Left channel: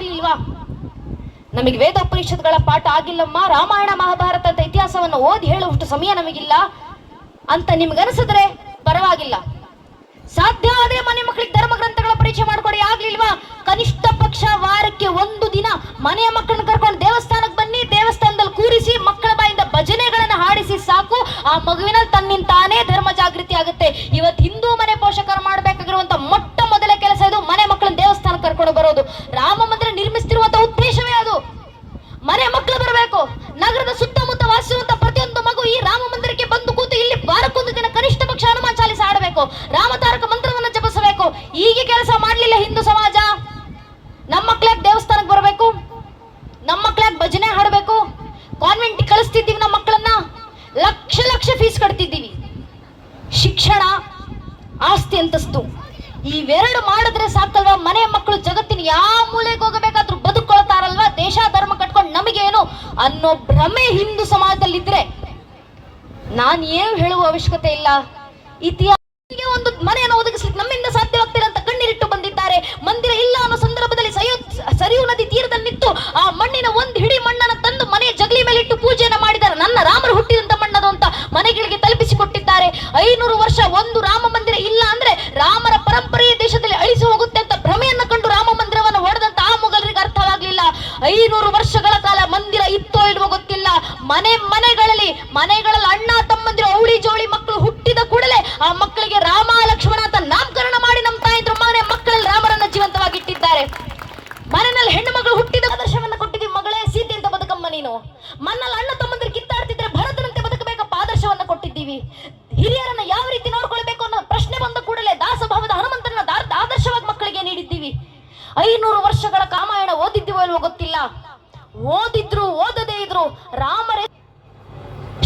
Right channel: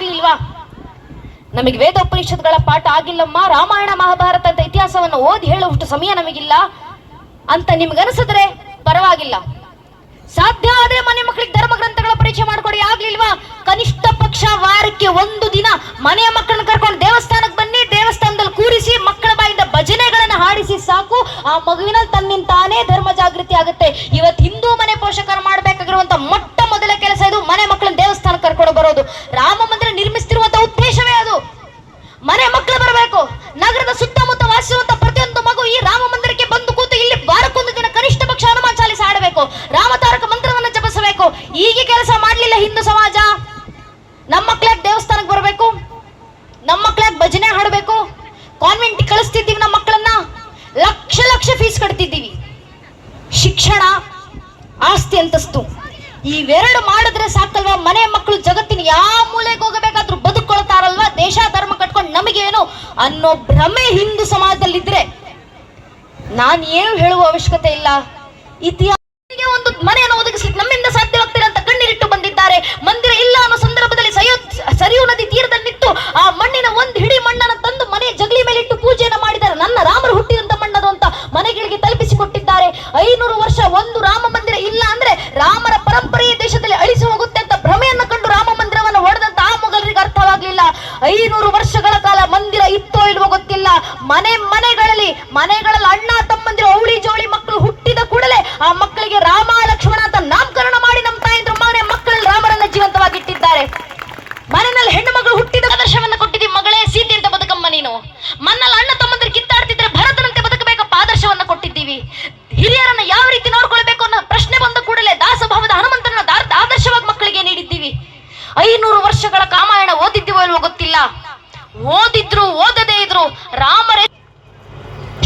ಆಗ್ಲಿಲ್ವಾ? ನಮಗೆ ವೇದೋಪನಿಷತ್ಗಳ ಪಾಠ ಆಗಿಲ್ಲಮ್ಮ, ರಾಮಾಯಣ ಮಹಾಭಾರತ ಅಂತ ಇತಿಹಾಸವನ್ನು ಓದಿ ಹೇಳುವಷ್ಟು ಸಮಯ ನಮಗಿಲ್ಲ ಅಂತ ನಿಮ್ಗನ್ಸಿದ್ರೆ ಪರವಾಗಿಲ್ಲ. ಸಾಧ್ಯ ಆದ್ರೆ ಮನೆ ಮಕ್ಕಳಿಗೆ ಧರ್ಮ ಗ್ರಂಥಗಳ ಪರಿಚಯ ಮಾಡ್ಕೊಡಿ. ಆಗ್ಲಿಲ್ವಾ, ಕನಿಷ್ಠ ಪಕ್ಷ ವಾರಕ್ಕೆ ಒಂದು ದಿನ ಮನೆಯ ಮಕ್ಕಳನ್ನ ಕರ್ಕೊಂಡು ದೇವಸ್ಥಾನಕ್ಕೆ ಬನ್ನಿ, ದೇವಸ್ಥಾನದಲ್ಲಿ ಕೂರಿಸಿ ಮಕ್ಕಳ ಬಾಯಿಂದ ಭಜನೆಗಳನ್ನ ಹಾಡಿಸಿ ಸಾಕು, ಆ ಮಗುವಿನಲ್ಲಿ ತನ್ನಿಂತಾನೇ ಧರ್ಮ ಜಾಗೃತಿ ಆಗುತ್ತೆ. ಇವತ್ತು ಹಿಂದೂ ಮನೆ ಪೋಷಕರು ಮಾಡಬೇಕಾಗಿರುವಂತ ಮೊಟ್ಟ ಮೊದಲ ಕೆಲಸ ಇದು, ಮನೆ ಮಕ್ಕಳನ್ನ ದೇವಸ್ಥಾನಕ್ಕೆ ಕರ್ಕೊಂಡು ಬರೋದು. ರಾಮ ಮಂದಿರ ನಿರ್ಮಿಸ್ತಿರುವಂತ ಉದ್ದೇಶವೇ ಅದು. ಮನೆ ಮಕ್ಕಳು ಬರಬೇಕು. ನಗರದ ಸುತ್ತಮುತ್ತ ವಾಸಿಸುವಂತ ಪ್ರತಿಯೊಂದು ಮಗು ಈ ರಾಮ ಮಂದಿರಕ್ಕೆ ಬಂದು ಕೂತು ಇಲ್ಲಿ ವಾರಕ್ಕೊಂದು ದಿನ ಕನಿಷ್ಠ ಪಕ್ಷ ಹನುಮಾನ್ ಚಾಲಿಸ ಆಡಬೇಕು, ರಾಮತಾರಕ ಮಂತ್ರವನ್ನು ಜಪಿಸಬೇಕು. ಈಗ ಕೆಲಸ ಮಾಡ್ಲಿಲ್ಲ ಹಿಂದೂ ಸಮಾಜ. ನಮ್ಮ ಮಕ್ಕಳಾಗ ದೇವಸ್ಥಾನಕ್ಕೆ ಬರಬೇಕು, ನಮ್ಮ ಮಕ್ಕಳಾಗ ಭಜನೆ ಹಾಡಬೇಕು, ಕಾನ್ವೆಂಟ್ ಕಳಿಸ್ತಿದ್ದೀವಿ ನಮ್ಮ ಮಕ್ಕಳನ್ನ, ಲಕ್ಷ ಲಕ್ಷ ಫೀಸ್ ಕಟ್ತಿದ್ದೀವಿ. ಶಿಕ್ಷಣ, ಆಸ್ತಿ, ಅಂತಸ್ತು ಇವೆರಡು ಮಾಡಿದ್ರೆ ಸಾಕಲ್ವಾ? ಮನೆ ಮಕ್ಕಳು ಜಗತ್ತಿನ ಯಾವ ಮೂಲೆಗೆ ಹೋಗಬೇಕಾದ್ರೂ ಬದುಕೊಳ್ತಾರಲ್ವಾ? ದೇಶ ಧರ್ಮ ಕಟ್ಕೊಂಡು ನಮಗೇನು ಅನ್ನೋ ಭ್ರಮೆ ಹಿಂದೂ ಸಮಾಜದಲ್ಲಿದ್ರೆ ನಾನು ಏನು ಹೇಳುವ ಅವಶ್ಯಕತೆ ಇಲ್ಲ. ಇತಿಹಾಸಕ್ಕೆ ಒಂದು ಮನೆಯನ್ನು ಒದಗಿಸ್ಲಿಕ್ಕೆ ನಮ್ಮಿಂದ ಸಾಧ್ಯವಾಗ್ತಿಲ್ಲ ಅಂತ ಕಣ್ಣೀರಿಟ್ಟು ಬಂದಿದ್ದಾರೆ. ಮಂದಿರ ಇಲ್ಲ ಅನ್ನೋ ಸಂದರ್ಭದಲ್ಲಿ ಸರಿಯೂ ನದಿ ತೀರದಲ್ಲಿ ನಿಂತು ಆ ಮಣ್ಣಿನ ಒಂದು ಹಿಡಿ ಮಣ್ಣನ್ನು ತಂದು ಮನೆಯ ಜಗಲಿ ಮೇಲೆ ಇಟ್ಟು ಪೂಜೆಯನ್ನು ಮಾಡಿದ್ದಾರೆ. ನನ್ನ ರಾಮರು ಹುಟ್ಟಿದಂತ ಮಣ್ಣದು ಅಂತ ಮನೆಗಳಿಗೆ ತಲುಪಿಸಿಕೊಟ್ಟಿದ್ದಾರೆ. 500 ವರ್ಷ ಒಂದು ರಾಮ ಮಂದಿರ ಇಲ್ಲ ಅಂದ್ರೆ ರಾಮರ ಪರಂಪರೆಯ ದೇಶದಲ್ಲಿ ಅಳಿಸಿ ಹೋಗುತ್ತೆ ಅಂತ ಭ್ರಮೆಯನ್ನು ಕಂಡು ರಾಮ ಮಂದಿರವನ್ನು ಹೊಡೆದಂತ ಆ ಮೊಘಲರಿಗೆ ಅರ್ಥವಾಗ್ಲಿಲ್ಲ. 500 ವರ್ಷಗಳ ಕಾಲ ಮಂದಿರ ಇತ್ತೋ ಇಲ್ವೋ ಗೊತ್ತಿಲ್ಲ. ಮನೆಗಳಲ್ಲಿ ಅಣ್ಣ ತಮ್ಮಂದಿರು ಅವಳಿ ಜೋಳಿ ಮಕ್ಕಳು ಹುಟ್ಟಿದ ಕೂಡಲೇ ಆ ಮಕ್ಕಳಿಗೆ ರಾಮ ಲಕ್ಷ್ಮಣ ಅಂತ ನಾಮಕರಣ ಮಾಡಿ ನಮ್ಮ ತಾಯಂದ್ರು ಮನೆ ಮಕ್ಕಳಲ್ಲಿ ರಾಮರನ್ನ ಜೀವಂತವಾಗಿಟ್ಟಿದ್ದಾರೆ. ಮನೆಯಲ್ಲಿ ಹೆಣ್ಣು ಮಗಳು ಹುಟ್ಟಿದ ಆದರ್ಶವನ್ನ ಕೊಟ್ಟಿದ್ದೀವಿ. ಮಗಳೇ ಸೀತೆ ಅಂತ ಬದುಕಮ್ಮ ನೀನು. ಮನ್ನಲ್ಲಿ ಅಣ್ಣ ತಮ್ಮಂದಿರು ಕಿತ್ತಾಡ್ತಿದ್ರೆ ಭರತನಂತೆ ಬದುಕಬೇಕಪ್ಪ ಆದರ್ಶವನ್ನ ಕೊಟ್ಟಿದ್ದೀವಿ. ಹಿರಿಯರನ್ನ ಯಾವ ರೀತಿ ನೋಡ್ಕೊಳ್ಬೇಕು ಅನ್ನೋ ಪ್ರಶ್ನೆ ಬಂದ ಕೂಡಲೇ ದಾಸಭಾವದ ಹನುಮಂತನ ಆದರ್ಶವಾಗಿ ಮಕ್ಕಳಿಗೆ ನೀಡಿದ್ದೀವಿ. 500 ವರ್ಷಗಳ ರಾಮಾಯಣ ಓದಿದ್ದೀವೋ ಇಲ್ವೋ ಗೊತ್ತಿಲ್ಲ. ಓದಿದ್ರು ಓದದೇ ಇದ್ರು ರಾಮರೇ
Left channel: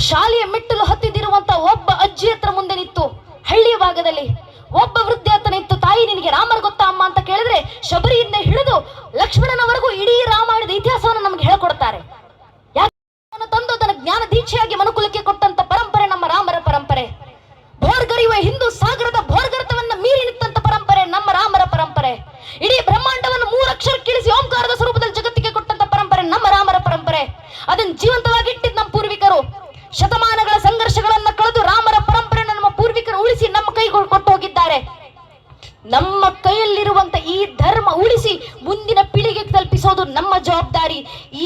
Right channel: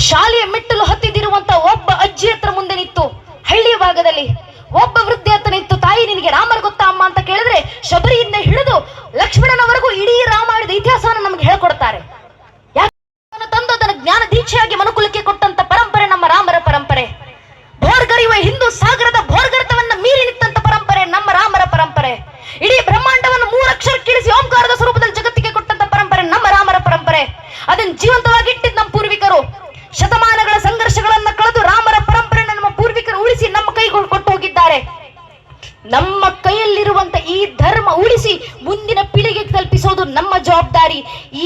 ಶಾಲೆಯ ಮೆಟ್ಟಲು ಹತ್ತಿದಿರುವಂತ ಒಬ್ಬ ಅಜ್ಜಿ ಹತ್ರ ಮುಂದೆ ನಿಂತು, ಹಳ್ಳಿಯ ಭಾಗದಲ್ಲಿ ಒಬ್ಬ ವೃದ್ಧೆ ಹತ್ರ ನಿಂತು, ತಾಯಿ ನಿನಗೆ ರಾಮರ ಗೊತ್ತಾ ಅಮ್ಮ ಅಂತ ಕೇಳಿದ್ರೆ ಶಬರಿಯಿಂದ ಹಿಡಿದು ಲಕ್ಷ್ಮಣನವರೆಗೂ ಇಡೀ ರಾಮಾಯಣದ ಇತಿಹಾಸವನ್ನು ನಮ್ಗೆ ಹೇಳ್ಕೊಡ್ತಾರೆ. ಯಾಕೆ ತಂದು ಅದನ್ನು ಜ್ಞಾನ ದೀಕ್ಷೆಯಾಗಿ ಮನುಕುಲಕ್ಕೆ ಕೊಟ್ಟಂತ ಪರಂಪರೆ ನಮ್ಮ ರಾಮರ ಪರಂಪರೆ. ಭೋರ್ಗರಿಯುವ ಹಿಂದೂ ಸಾಗರದ ಭೋರ್ಗರ್ತವನ್ನ ಮೀರಿ ನಿಂತಂತ ಪರಂಪರೆ ನಮ್ಮ ರಾಮರ ಪರಂಪರೆ. ಇಡೀ ಬ್ರಹ್ಮಾಂಡವನ್ನು 3 ಅಕ್ಷರ ಕೀಳಿಸಿ ಓಂಕಾರದ ಸ್ವರೂಪದಲ್ಲಿ ಜಗತ್ತಿಗೆ ಕೊಟ್ಟಂತ ಪರಂಪರೆ ನಮ್ಮ ರಾಮರ ಪರಂಪರೆ. ಅದನ್ನು ಜೀವಂತವಾಗಿ ಇಟ್ಟಿದ್ದು ನಮ್ಮ ಪೂರ್ವಿಕರು. ಶತಮಾನಗಳ ಸಂಘರ್ಷಗಳನ್ನ ಕಳೆದು ರಾಮರ ಪರಂಪರೆ ನಮ್ಮ ಪೂರ್ವಿಕರು ಉಳಿಸಿ ನಮ್ಮ ಕೈಗಳು ಕೊಟ್ಟು ಹೋಗಿದ್ದಾರೆ. ನಮ್ಮ ಕೈಯಲ್ಲಿರುವಂತ ಈ ಧರ್ಮ ಉಳಿಸಿ ಮುಂದಿನ ಪೀಳಿಗೆಗೆ ತಲುಪಿಸೋದು ನಮ್ಮ ಜವಾಬ್ದಾರಿ.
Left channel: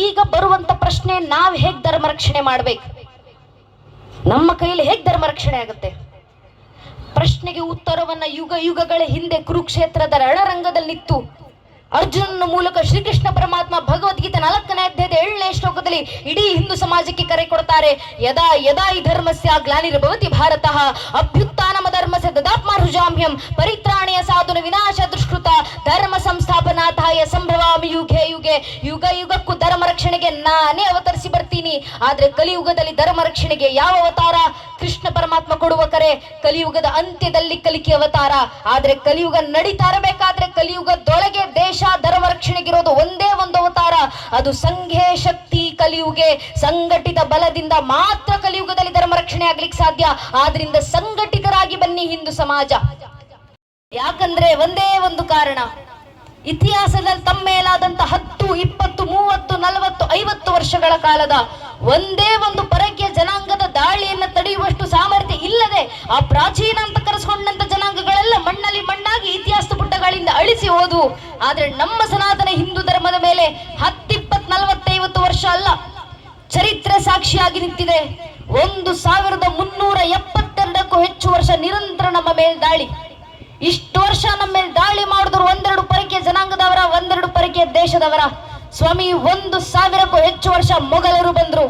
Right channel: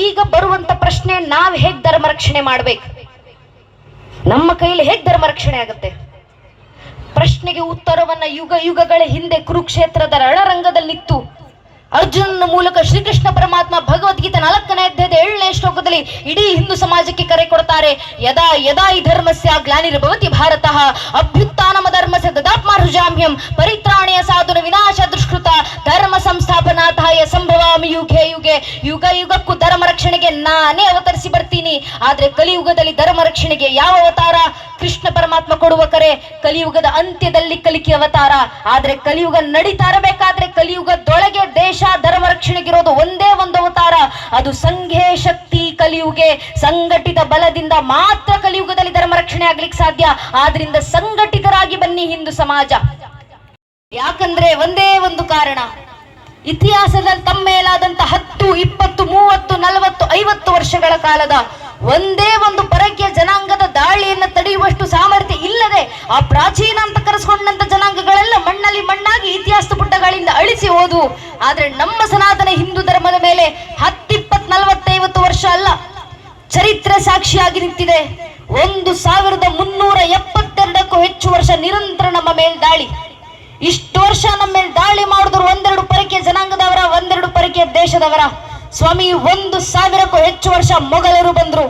ಈಗ ಬರುವಂತ ಪ್ರಶ್ನೆ, ನಾವ್ ಹೇಗ್ ಧರ್ಮ ರಕ್ಷಣೆ ಮಾಡ್ಬೇಕು? ನಮ್ಮ ಕೈಯಲ್ಲಿ ಹೇಗ್ ಧರ್ಮ ರಕ್ಷಣೆ ಆಗುತ್ತೆ? ಪ್ರಶ್ನೆಗೆ ಉತ್ತರವನ್ನ ಯುಗಗಳ ಹಿಂದೆ ಕುರುಕ್ಷೇತ್ರದ ರಣರಂಗದಲ್ಲಿ ನಿಂತು ಅರ್ಜುನನ ಮೂಲಕ ಶ್ರೀಕೃಷ್ಣ ಪರಮಾತ್ಮ ಭಗವದ್ಗೀತೆ 4ನೇ ಅಧ್ಯಾಯದ 7ನೇ ಶ್ಲೋಕದಲ್ಲಿ ಇಡೀ ಹಿಂದೂ ಸಮಾಜಕ್ಕೆ ಕರೆ ಕೊಡ್ತಾರೆ. ಯದಾ ಯದಾ ಈ ಧರ್ಮಸ್ಯ ಗ್ಲಾನಿರ್ಭವತಿ ಭಾರತಃ ಅಭ್ಯುತ್ಥಾನಮ ಧರ್ಮಸ್ಯ ದದಾತ್ಮಾರ್ಜಾಮ್ಯಂ ಪರಿತ್ರಾಣಯ ಸಾಧುನ ವಿನಾಶ ದುಷ್ಕೃತ ಧರ್ಮ ಸಂಸ್ಥಾಪನಾರ್ಥಾಯ ಸಂಭವಾಮಿ ಯುಗೆ ಯುಗೆ. ಯುಗ ಯುಗಕ್ಕೂ ಧರ್ಮ ರಕ್ಷಣೆಗೆ ನಾನೇ ಅವತರಿಸಿ ಬರ್ತೀನಿ. ಆದ್ರೆ ಕಲಿಯುಗದಲ್ಲಿ ಧರ್ಮ ರಕ್ಷಣೆಗೆ ಯಾವ ಅವತಾರ? ಕೃಷ್ಣ ಪರಮಾತ್ಮ ಕೊಡುವ ಕರೆ ಕಲಿಯುಗದ ಅಂತ್ಯದಲ್ಲಿ ಕಲಿಕೆ ಅವತಾರ. ಆದ್ರೆ ಕಲಿಯುಗ ನಡೀತಾ ಇರಬೇಕಾದ್ರೆ ಕಲಿಯುಗದೊಳಗೆ ದೇಶ ಧರ್ಮ ರಕ್ಷಣೆಗಿರೋದು ಒಂದೇ ಒಂದು ಅವತಾರ, ಅದು ಸಂಘೇ ಶಕ್ತಿ ಕಲಿಯುಗೆ. ಸಂಘಟಿತ ಬಲದಿಂದ ಮಾತ್ರ ಕಲಿಯುಗದಲ್ಲಿ ಧರ್ಮ ರಕ್ಷಣೆ ಆಗ್ಲಿಕ್ಕೆ ಸಾಧ್ಯ. ಆದ್ರಿಂದ ಸಂಘಟಿತರಾಗಿ ಬನ್ನಿ ಹಿಂದೂ ಸಮಾಜ. ಯಾಕಂದ್ರೆ ಒಂದೇ ಒಂದು ಕಾರಣ, ಇತಿಹಾಸದಲ್ಲಿ ತಮ್ಮ ಮೇಲಾದಂತ 10, 20, 30, 40, 50 ವರ್ಷಗಳ ಕಾಲದ ಒಂದೇ ಒಂದು ಪರಕೀಯ ಜನಾಂಗದ ದಾಳಿಯನ್ನ ತಡೆಯುವಷ್ಟು ಸಾಮರ್ಥ್ಯ ಇಲ್ಲದೆ ಆ ಪ್ರಾಚೀನ ಅಂತ ಕರೆಸ್ಕೊಂಡಂತ ಜನಾಂಗಗಳೆಲ್ಲ ಮಣ್ಣಲ್ಲಿ ಮಣ್ಣಾಗಿ ಇತಿಹಾಸದ ಪುಟಗಳಿಂದ ಅಳಿಸಿ ಹೋದು. ಆದ್ರೆ ನಮ್ಮ ಸನಾತನ ಹಿಂದೂ ಧರ್ಮದ ಮೇಲೆ 10, 20, 40, 50 ವರ್ಷ ಅಲ್ಲ, ಚರಿತ್ರೆ ಸಾಕ್ಷಿಯಾಗಿ ನಿಂತಿದೆ. 1372ಕ್ಕೂ ಹೆಚ್ಚು ವರ್ಷ ನಿರಂತರ ನಮ್ಮ ಮೇಲೆ ದಾಳಿ. ಇಷ್ಟು ವರ್ಷ ನಮ್ಮ ಮೇಲೆ ದಾಳಿ ಮಾಡಿದ್ರು 1-2 ಪರಕೀಯ ಜನಾಂಗದವರ, 1-2 ಪರಕೀಯ ದೇಶದವರ. ಸ್ವಾಮಿ 1000ಕ್ಕೂ ಹೆಚ್ಚು ವರ್ಷ ಮೊಘಲರು ಬಂದ್ರು,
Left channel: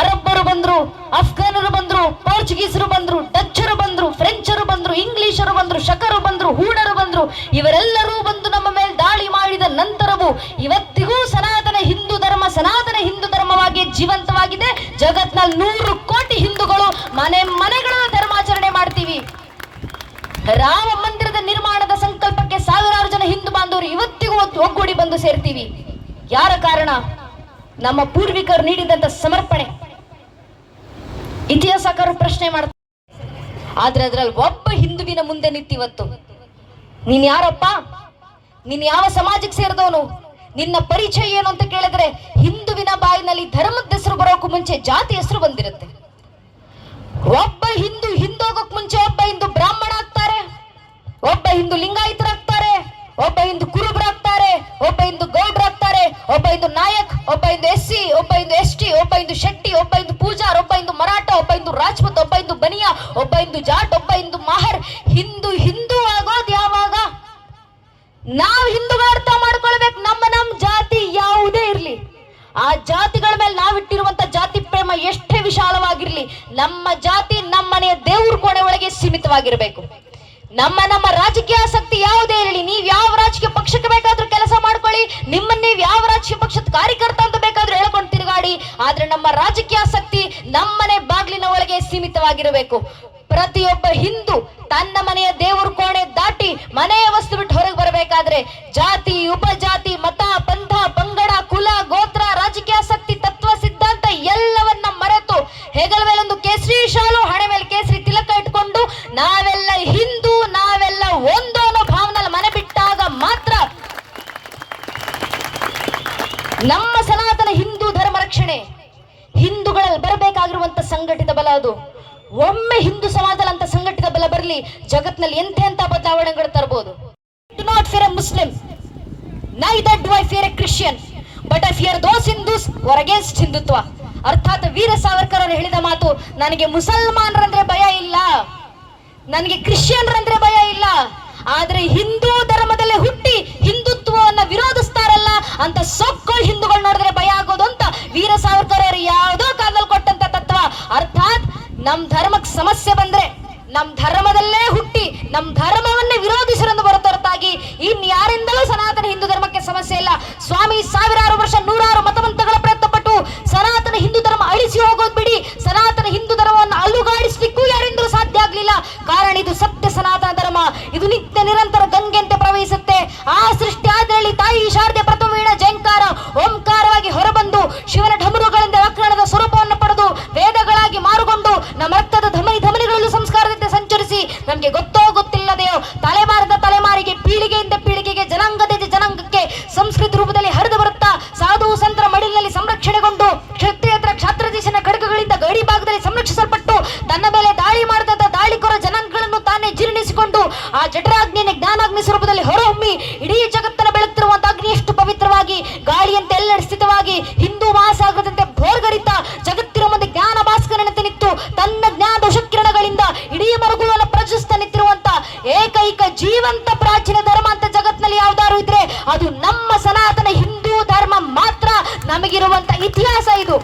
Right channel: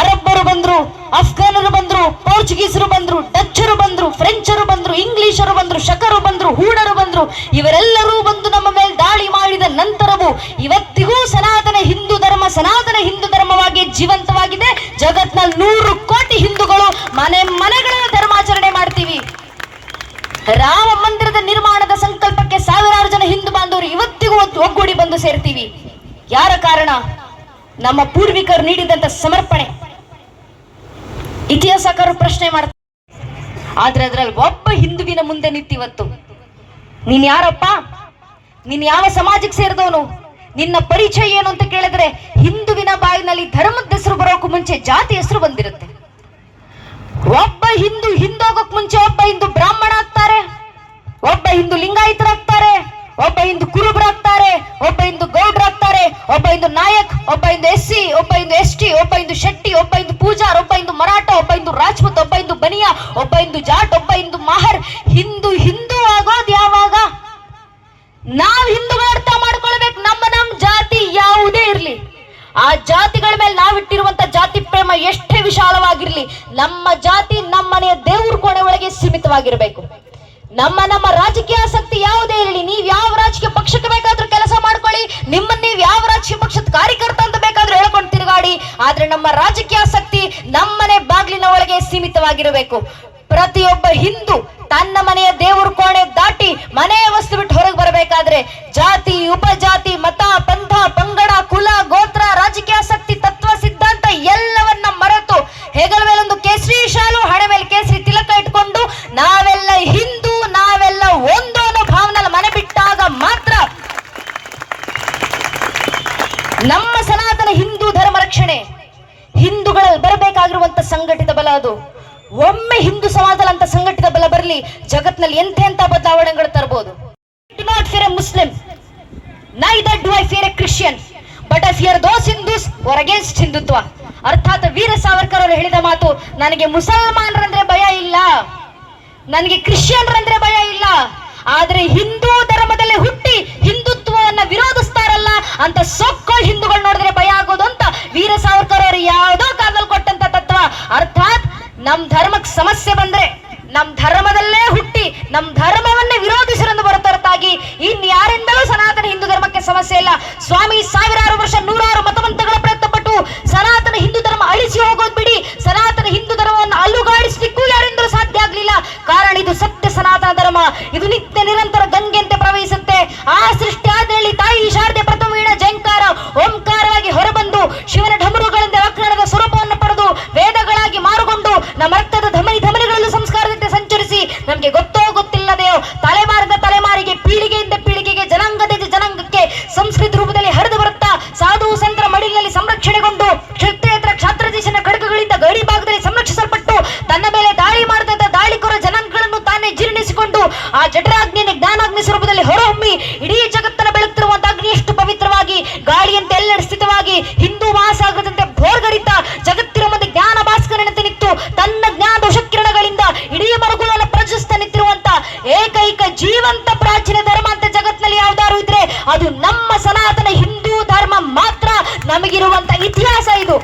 ಅರಬ್ಬರು ಬಂದ್ರು, ಅಫ್ಘಾನರು ಬಂದ್ರು, ಪೋರ್ಚುಗೀಸರು ಬಂದ್ರು, ಡಚ್ಚರು ಬಂದ್ರು, ಫ್ರೆಂಚರು ಬಂದ್ರು, ಇಂಗ್ಲಿಷರು ಬಂದ್ರು, ಶಕರು ಬಂದ್ರು, ಹೂಣರು ಬಂದ್ರು. ಇವರೆಲ್ಲರೂ ಬಂದು ನಮ್ಮ ಮೇಲೆ ದಾಳಿ ಮಾಡಿದ ನಂತರವೂ ಇವತ್ತಿಗೂ ಸನಾತನ ಹಿಂದೂ ಧರ್ಮವಾಗಿ ಜೀವಂತವಾಗಿದೆ. ಜಗತ್ನಲ್ಲಿ 100 ಕೋಟಿ ಹಿಂದೂಗಳು ಮನೆಗಳ ಧರ್ಮಾಚರಣೆ ಮಾಡ್ತೀವಿ. ರಾಮ ಮಂದಿರದ ನಿರ್ಮಾಣದ ಸಂಕಲ್ಪಕ್ಕೆ 1000 ಜನ ಹಿಂದೂ ಬಾಂಧವರು ಇವತ್ತಿಗೂ ಒಗ್ಗೂಡಿ ಬಂದು ಸೇರ್ತೀವಿ. ಯಾರ ಕಾರಣ? ನಮ್ಮ ಪೂರ್ವಿಕರು ನೀಡಿದಂತ ಸಮರ್ಪಣೆ. ಇತಿಹಾಸಕಾರರು ಪ್ರಶ್ನೆ ಮಾಡ್ತಾರೆ, ಆದ್ರೆ ಅದ್ರಲ್ಲಿ ಒಬ್ಬ ಹಿಂದುವಿನ ಮುಂದೆ ನಿಂತಿವತ್ತು, ನೀನ್ ಯಾರಪ್ಪ? ನೀನ್ ಯಾವ ಸಮಾಜಕ್ಕೆ ಸೇರಿದವನು? ನಿನ್ನ ಪರಿಚಯ ಏನು ಅಂತ ಕೇಳಿದ್ರೆ ಹಿಂದುವಿನ ಬಾಯಿನಲ್ಲಿ ಧರ್ಮದ ಹೆಸರು ಬರೋಕ್ಕೂ ಮುಂಚೆ ಜಾತಿ ಹೆಸರು ಬಂದಿರುತ್ತೆ. ಒಬ್ಬ ಹಿಂದೂ ಹಿಂದೋಗಕ್ ಮುಂಚೆ ಒಬ್ಬ ಹಿಂದೂ ಬ್ರಾಹ್ಮಣ ಆಗ್ತಾರೆ, ಒಬ್ಬ ಹಿಂದೂ ಲಿಂಗಾಯತರಾಗ್ತಾರೆ, ಒಬ್ಬ ಹಿಂದೂ ಕುರುಬರಾಗ್ತಾರೆ, ಒಬ್ಬ ಹಿಂದೂ ಗೌಡ್ರಾಗ್ತಾರೆ, ಒಬ್ಬ ಹಿಂದೂ ನಾಯಕ್, ಒಬ್ಬ ಹಿಂದೂ SC, ಒಬ್ಬ ಹಿಂದೂ ST, ಒಬ್ಬ ಹಿಂದೂ ಶೆಟ್ಟಿ, ಒಬ್ಬ ಹಿಂದೂ ಪೂಜಾರ್, ಒಬ್ಬ ಹಿಂದೂ ಮರಾಠ, ಒಬ್ಬ ಹಿಂದೂ ರಾಜ್ಪೂತ್, ಒಬ್ಬ ಹಿಂದೂ ಬನಿಯಾ, ಒಬ್ಬ ಹಿಂದೂ ಜಾಟ್, ಒಬ್ಬ ಹಿಂದೂ ಮಾಹರ್. ಹಿಂದೂ ಹಿಂದೂ ಆಗೋದು ಯಾವಾಗ? ನಾವು ಹಿಂದೂಗಳ ಅರ್ಥ ಮಾಡ್ಕೊಳ್ಬೇಕು. ನಮ್ಮ ಜಾತಿ ಯಾವುದೇ ಇರ್ಲಿ, ಆ ಜಾತಿಗಳ ಮೇಲೆ ನಾವಿಟ್ಟಿರುವಂತ ಜಾತಿ ಪ್ರೇಮ ಎಷ್ಟೇ ವಿಶಾಲವಾಗಿರ್ಲಿ, ನಮ್ಮ ಜಾತಿ ನಮ್ಮನೆಯ ದೇವ್ರ ಕೋಣೆ ಒಳಗೆ ಸೀಮಿತವಾಗಿರ್ಬೇಕು. ನಮ್ಮ ರಾಜಕೀಯ ಆಸಕ್ತಿ ಯಾವುದೇ ಇರಲಿ, ನೀವ್ ಯಾವ ರಾಜಕೀಯ ಪಕ್ಷಕ್ಕೆ ಬೇಕಾದ್ರೂ ಕೆಲಸ ಮಾಡ್ಕೊಳ್ಳಿ, ನಿಮ್ಮನ್ನ ನೀವ್ ಯಾವ ರಾಜಕೀಯ ಪಕ್ಷದ ಕಾರ್ಯಕರ್ತ ಅಂತ ಬೇಕಾದ್ರೂ ಹೇಳ್ಕೊಂಡು ತಿರುಗಾಡಿ, ಆದ್ರೆ ನಮ್ಮ ರಾಜಕೀಯ ಆಸಕ್ತಿ ನಮ್ಮನೆ ಬಾಗಿಲಿನ ಒಳಗೆ ಸೀಮಿತವಾಗಿರಬೇಕು. ಪ್ರತಿಯೊಬ್ಬ ಹಿಂದೂ ತನ್ನ ಮನೆಯ ದೇವರ ಕೋಣೆ ದಾಟಿ ಮನೆಯ ವಸ್ತು ಬಿಟ್ಟು ಹೊರಗೆ ಬರಬೇಕಾದ್ರೆ ಜಾತಿ, ಉಪಜಾತಿ, ಮತ, ಪಂಥ, ಪಂಗಡ, ಕುಲ, ಗೋತ್ರ, ರಾಜಕೀಯ ಆಸಕ್ತಿ, ತತ್ವ, ಸಿದ್ಧಾಂತ ಎಲ್ಲವನ್ನ ಮರೆತು ಹೆಗಲ ಮೇಲೊಂದು ಕೇಸರಿ ಶಾಲು, ಹಣೆ ಮೇಲೆ ಕೇಸರಿ ತಿಲಕ ಇಟ್ಕೊಂಡು ನಾವೆಲ್ಲ ಹಿಂದೂ, ನಾವೆಲ್ಲ ಒಂದು ಅನ್ನೋ ಭಾವನೆಲ್ಲ ಮನೆ ಬಿಟ್ಟಾಗ ಮಾತ್ರ ನಮ್ಮ ಸನಾತನ ಹಿಂದೂ ಧರ್ಮ ರಕ್ಷಣೆ. ಹಿಂದೂಗಳಲ್ಲಿ ಬರಬೇಕಾಗಿರುವಂತ ಸಂಘಟಿತ ಬಲ ಅದು. ಒಮ್ಮೆ ಹಿಂದೂ ಸಮಾಜದಲ್ಲಿ ಅಂತ ಸಂಘಟಿತ ಬಲ ಬರಲಿ, ಜಗತ್ನಲ್ಲಿ ಎಂತೆಂತ ಬದಲಾವಣೆಗಳು ತರಬಹುದು. Do not fear a Muslim, neither do I fear a Christian, but I fear those Hindus who are against Hindutva. ಅರ್ಥಾತ್ ವೀರ ಸಾವರ್ಕರ್ ಅವರು ಹೇಳಿದ ಮಾತು, ನನಗೆ ಮುಸಲ್ಮಾನರಂದ್ರೆ ಭಯ ಇಲ್ಲ, ನನಗೆ ಕ್ರಿಶ್ಚಿಯನ್ರಂದ್ರೆ ಭಯ ಇಲ್ಲ, ಆದ್ರೆ ಹಿಂದೂ ಧರ್ಮದಲ್ಲಿ ಹುಟ್ಟಿ ಹಿಂದುತ್ವವನ್ನ ವಿರೋಧಿಸ್ತಾರಲ್ಲ ಅಂತ ಸೊಕ್ಕೋಳ್ ಹಿಂದೂಗಳು ನೋಡಿದ್ರೆ ಭಯ ಆಗೋದು ಅಂತ ವೀರ ಸಾವರ್ಕರ್ ಅವರು ಯಾವುದೋ ಕಾಲದಲ್ಲಿ ಕೊಟ್ಟಂತ ತತ್ವ. ಅರ್ಥಾತ್ ನಮ್ ಧರ್ಮಕ್ಕೆ ಸಮಸ್ಯೆ ಬಂದ್ರೆ ನಮ್ ಧರ್ಮದಲ್ಲೇ ಹುಟ್ಟಿ ನಮ್ ಧರ್ಮವನ್ನೇ ವಿರೋಧಿಸರೆಂದು ಹೊರತಾಗಿ ಇನ್ಯಾರಿಂದಲೂ ಸನಾತನ ಹಿಂದೂ ಧರ್ಮಕ್ಕೆ ಸಮಸ್ಯೆ ಇಲ್ಲ. ಸ್ವಾಮಿ ಸಾವಿರಾರು ವರ್ಷ ನೂರಾರು ಮತವಂತಗಳ ಪ್ರಯತ್ನ ಪಟ್ಟು ಸನಾತನ ಹಿಂದೂ ಧರ್ಮ ಅಳಿಸಿ ಹೋಗೋದು ಬಿಡಿ, ಸನಾತನ ಹಿಂದೂ ಧರ್ಮವನ್ನು ಅಲುಗಾಡಿಸ್ಲಿಕ್ಕೂ ಯಾರಿಂದಲೂ ಸಾಧ್ಯ ಆಗ್ಲಿಲ್ಲ. ಕಾರಣ ಇದು ಸತ್ಯ ಸನಾತನ ಧರ್ಮ, ಇದು ನಿತ್ಯ ನಿರಂತರ ಗಂಗೆಂತೆ ಪ್ರವಹಿಸುತ್ತೆ. ಆ ಸೃಷ್ಟಿ ಆದಲ್ಲಿ ತಾಯಿ ಶಾರದೆ ಪ್ರಥಮ ವೀಣ ಜಯಂಕಾರ ಓಂಕಾರವಾಗಿ ಹೊರಬಂದು ಶಿವನ ಢಮರುಗಳಿಂದ ವ್ಯಾಕರಣದ ಸ್ವರೂಪವನ್ನು ಪಡೆದು ವೇದಗಳಾಗಿ ಮಾರುಗೊಂಡು ನಮ್ಮ ರಕ್ತದ ಧಮನಿಗಳಲ್ಲೂ ಸಂಸ್ಕಾರದಂತೆ ಸಂಚರಿಸಿ ನಮ್ಗೆ ಗೊತ್ತೋ ಗೊತ್ತಿಲ್ಲದೆಯೋ ತಲೆಮಾರದ ತಲೆಮಾರಿಗೆ, ಪೀಳಿಗೆಯಿಂದ ಪೀಳಿಗೆಗೆ, ಜನಾಂಗದಿಂದ ಜನಾಂಗಕ್ಕೆ ಸಂಸ್ಕೃತಿ ರೂಪದಲ್ಲಿ ಹರಿದು ಬರುತ್ತಾ ಸಾಧು ಸಂತರ ಮಡಿಲಿನಲ್ಲಿ ಸಂರಕ್ಷಣೆಗೊಂಡು ಕ್ಷತ್ರಿಯೇತರ ಕ್ಷಾತ್ರದೇಶನ ಖಡ್ಗಗಳಿಂದ ಗಡಿ ಭಾಗದಲ್ಲಿ ಸಂರಕ್ಷಿಸಲ್ಪಟ್ಟು ತನ್ನ ಮೇಲೆ ದಾಳಿ ಮಾಡಿದಂತ ದಾಳಿಕೋರ ಜನಾಂಗಗಳನ್ನು ತಾನೇ ಜೀರ್ಣಿಸಿಕೊಂಡು ಆ ಜಠರಾಗ್ನಿಯ ಜ್ಞಾನಾಗ್ನಿ ಸ್ವರೂಪದಲ್ಲಿ ಹೊರಹೊಮ್ಮಿ ಇಡೀ ಜಗತ್ತನ್ನು ಬೆಳಗುತ್ತಿರುವಂತ ಅಗ್ನಿ ಎಷ್ಟು ಪವಿತ್ರವಾಗಿ ಗಾಳಿಯಂತೆ ಎಲ್ಲೆಡೆ ಸ್ಥಿತವಾಗಿ ಹಿಂದೂ ಮಹಾಸಾಗರದಂತೆ ಭೋರ್ಗರಿತ ಜಗತ್ತಿನ ಮುಂದೆ ಜ್ಞಾನ ಭಾಸ್ಕರನಂತೆ ನಿಂತು ತನ್ನ ಜ್ಞಾನ ಕಿರಣಗಳಿಂದ ಇಡೀ ಮರುಗುಳನ್ನು ಪ್ರಜ್ವಲಿಸ್ತಾ ನಿಂತಿರುವಂತ ಏಕೈಕ ಜೀವಂತ ಪ್ರಾಚೀನ ಧರ್ಮ ಅಂತ ಜಗತ್ತಿನಲ್ಲಿ ಯಾವ್ದಾದ್ರು ಇದ್ರೆ ಅದು ನಮ್ಮ ಸನಾತನ ಹಿಂದೂ ಧರ್ಮ ಮಾತ್ರ. ನಮಗಿರುವಂತ ಇತಿಹಾಸ ಇದು.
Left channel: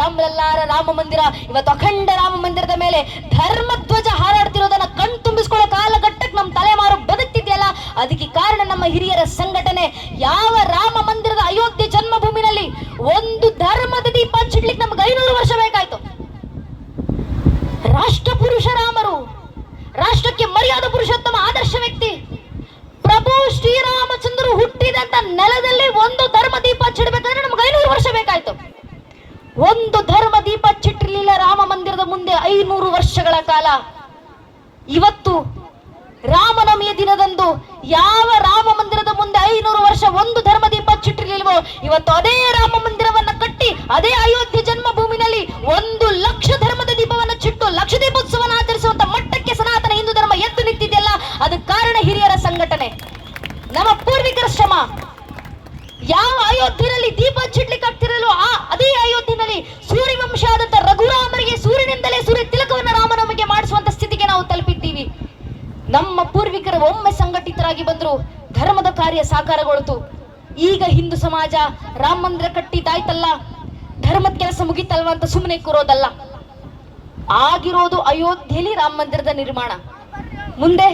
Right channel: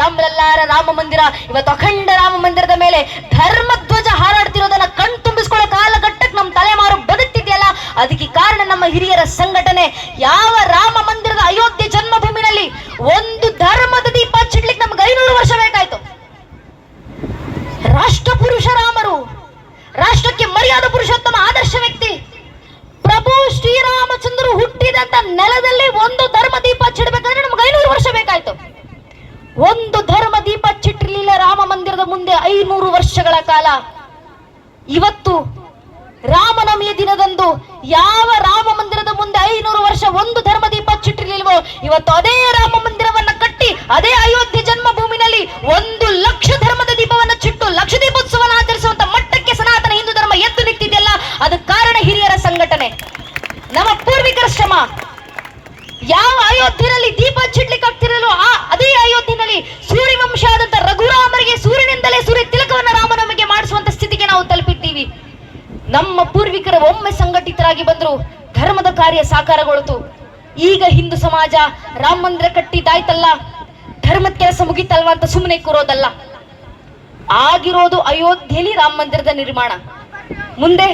ರಾಮಲಲ್ಲಾರ ರಾಮ ಮಂದಿರ, ಇವತ್ತು ಅಖಂಡ ರಾಮ ಮಂದಿರದ ಮೇಲೆ ಧರ್ಮ ಧ್ವಜ ಹಾರಾಡ್ತಿರೋದನ್ನ ಕಣ್ ತುಂಬಿಸ್ಕೊಳ್ಳೋ ಕಾಲಘಟ್ಟಕ್ಕೆ ನಮ್ಮ ತಲೆಮಾರು ಬದುಕ್ತಿದೆಯಲ್ಲ, ಅದಕ್ಕೆ ಕಾರಣ ನಮ್ಮ ಹಿರಿಯರ ಸಂಘಟನೆ. ಯಾವ ರಾಮ ಮಂದಿರದ ಅಯೋಧ್ಯೆ ಜನ್ಮಭೂಮಿನಲ್ಲಿ ಒಂದು ಧರ್ಮದ ದೀಪ ಹಚ್ಚಿಡ್ಲಿಕ್ಕೆ ನಮ್ಗೆ 500 ವರ್ಷ ಬೇಕಾಯ್ತು. ರಾಷ್ಟ್ರ ಪುರುಷ ರಾಮರು, ರಾಷ್ಟ್ರಕ್ಕೆ ಮರ್ಯಾದ ಪುರುಷೋತ್ತಮ ಆದರ್ಶ ವ್ಯಕ್ತಿ ಪ್ರಭು ಶ್ರೀರಾಮಚಂದ್ರರು ಹುಟ್ಟಿದಂತ ನೆಲದಲ್ಲಿ ಒಂದು ಧರ್ಮ ದೀಪ ಹಚ್ಚಿಡ್ಬೇಕಾದ್ರೆ ನಮ್ಗೆ 500 ವರ್ಷ ಬೇಕಾಯ್ತು. ಒಂದು ಧರ್ಮ ದೀಪ ಹಚ್ಚಿಟ್ಟಿರ್ಲಿಲ್ಲ ರಾಮ ಮಂದಿರದ ಮುಂದೆ 500 ವರ್ಷಗಳ ಕಾಲ. ಇವತ್ತು ರಾಮನವಮಿಯ ದಿನದಂದು ಯಾವ ರಾಮ ಮಂದಿರದ ಮುಂದೆ 500 ವರ್ಷ ಒಂದು ಧರ್ಮ ದೀಪ ಹಚ್ಚಿಟ್ಟಿರ್ಲಿಲ್ವೋ, ಇವತ್ತು ಅದೇ ರಾಮ ಮಂದಿರವನ್ನ ಕಟ್ಟಿ ಅದೇ ಅಯೋಧ್ಯೆ ಜನ್ಮಭೂಮಿನಲ್ಲಿ 1,00,000 ಧರ್ಮದ ದೀಪವನ್ನ ಚಿಟ್ಟು ಲಕ್ಷ ದೀಪೋತ್ಸವನ ಆಚರಿಸುವಂತ ಮಟ್ಟಕ್ಕೆ ಸನಾತನ ಹಿಂದೂ ಧರ್ಮ ಎದ್ದು ನಿಂತಿದೆಯಲ್ಲ, ಅದಕ್ಕೆ ಕಾರಣ ಹಿರಿಯರ ಸಂಘಟನೆ, ನಮ್ಮ ಪೂರ್ವಿಕರ ಶ್ರಮ. ಯಾವ ಅಯೋಧ್ಯೆಯಲ್ಲಿ ದೀಪ ಹಚ್ಚಿಡ್ಲಿಕ್ಕೆ ಆಗ್ತಿರಲ್ವೋ ಅದೇ ಅಯೋಧ್ಯೆಯಲ್ಲಿ ಸೂರ್ಯವಂಶ ಆದಂತ ರಘುರಾಮರಿಗೆ ಸೂರ್ಯನಿಂದಲೇ ಸೂರ್ಯ ತಿಲಕವನ್ನ ರಾಮನವಮಿಗೆ ಮಾಡಿಸುವಂತ ಸ್ಥಿತಿಗೆ ನಾವು ತಲುಪಿದ್ದೀವಿ. ನಮ್ಮ ಪೂರ್ವಿಕರು ಒಮ್ಮೆ ಸಂಘಟಿತರಾಗಿ ಬಂದ್ರು, ಧರ್ಮದ ಕಾರ್ಯ ಸಾಕಾರಗೊಳ್ತು. ಈಗ ಹಿಂದೂ ಸಮಾಜ ರಾಮ ಮಂದಿರ ಕಟ್ಟಿದ್ದಾಯ್ತಲ್ಲ, ಧರ್ಮದ ಕೆಲಸ ಮುಗಿತಲ್ವಾ ಅಂತ ಸುಮ್ಮನೆ ಕೂರೋದಲ್ಲ. ಆಗಿರೋದು ಅಯೋಧ್ಯೆಯಲ್ಲಿ ರಾಮ ಮಂದಿರದ ನಿರ್ಮಾಣ. ಮುಂದೆ